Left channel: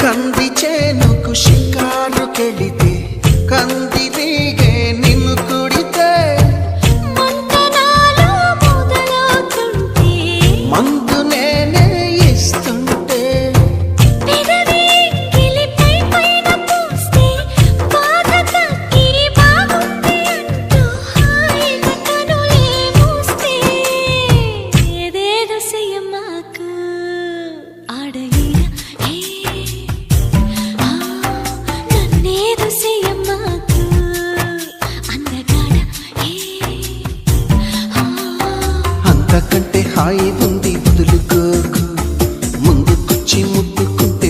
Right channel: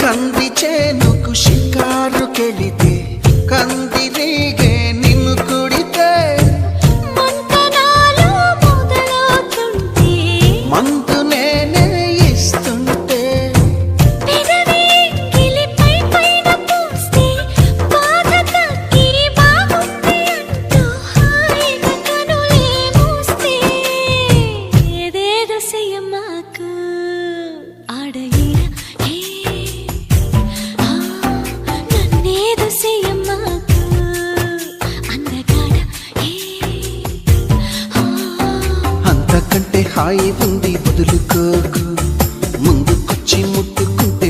కంది చేనుకు షికారుకెళితే కందిరీగే నిన్ను కుడితే మంతనాలు మొదలవుతుంటే మందు నేనే ఇస్తుంటే పెదవి గిలిపై పైన పూస్తే బాధ తగ్గి బాగుంది అంటూ హాయిగా కనులే మూస్తే ఏదేదో చెయ్యమాకు ఆడయిర నన్నేదో చెయ్యమాకు అందగాడ అంతకంటే హాయి ఉంది వదులుకోకు ముందుకొచ్చి ముట్టుకుంటే